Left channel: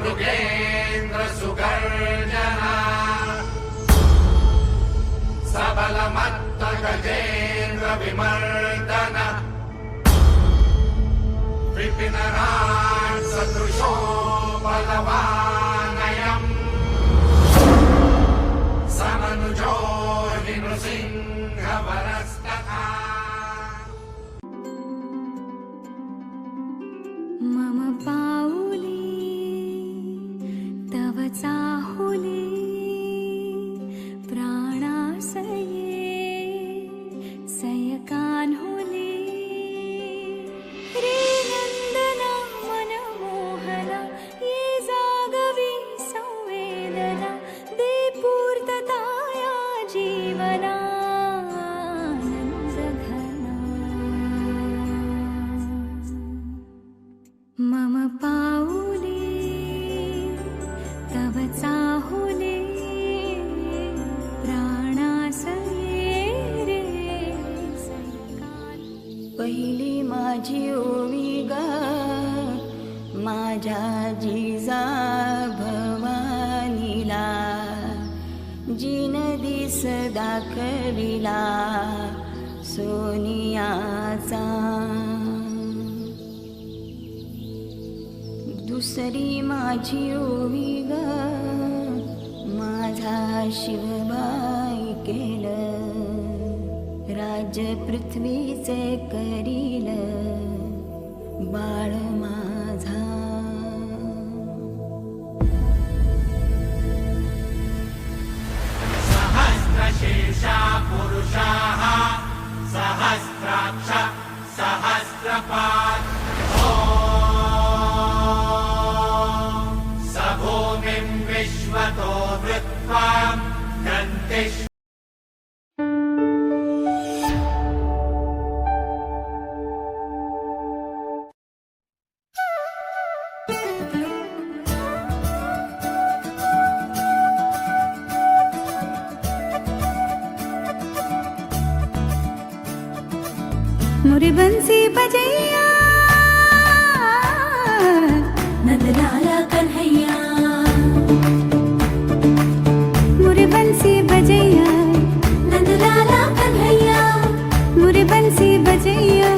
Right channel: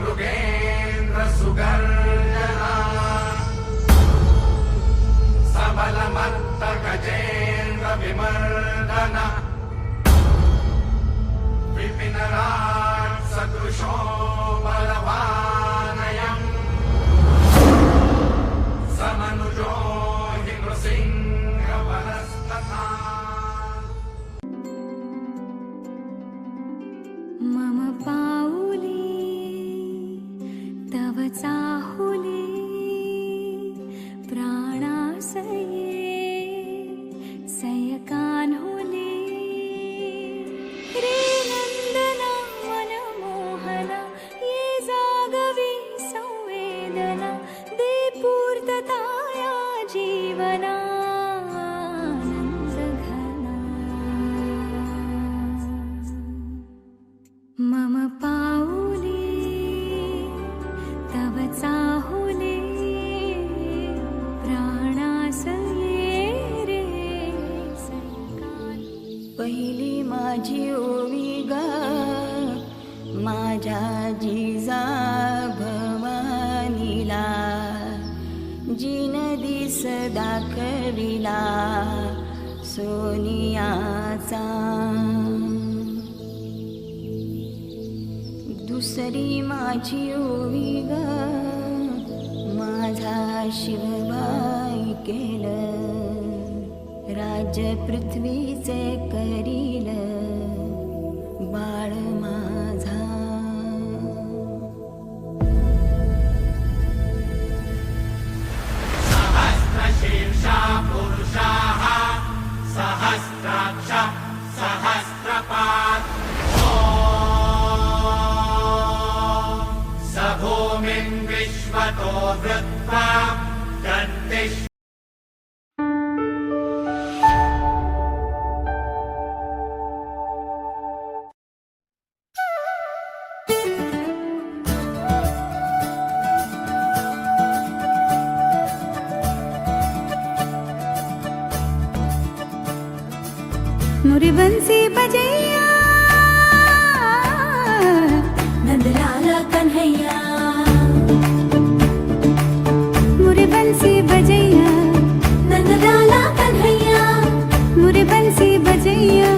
मृगेन्द्र सुगर्जना सबलमत्त गजेन्द्र विमर्दन विपिनराट सदृशो बलवानयम् समनुजो हि नृसिंहवरस्तथा। मम पाऊले तव चाहुले प्राणासये सयकान्हुले रे नंदना मनमोहना ये जागवी संवेदना दे पूर्तताया जीवना मम पाऊले तव चाहुले प्राणासये रे सयकान। पहिली माझी ओवी ग माझ्या जिजा भवानीला जिन दिस दाखविला सोनियाचा। दुसरी माझी ओवी ग माझा शिवबाई केलं राज्य पृथ्वीचे करील बाळ माझा। सहस्रशीर्षा पुरुषाः सहस्राक्ष सहस्रपात् भूमिं विश्वतो वृत्वा गन्तिष्ठ। मुरी बंसी बजैया नंदलाला कन्हैया मुरी बंसी बजैया नंदलाला कन्हैया मुरी बंसी बजैया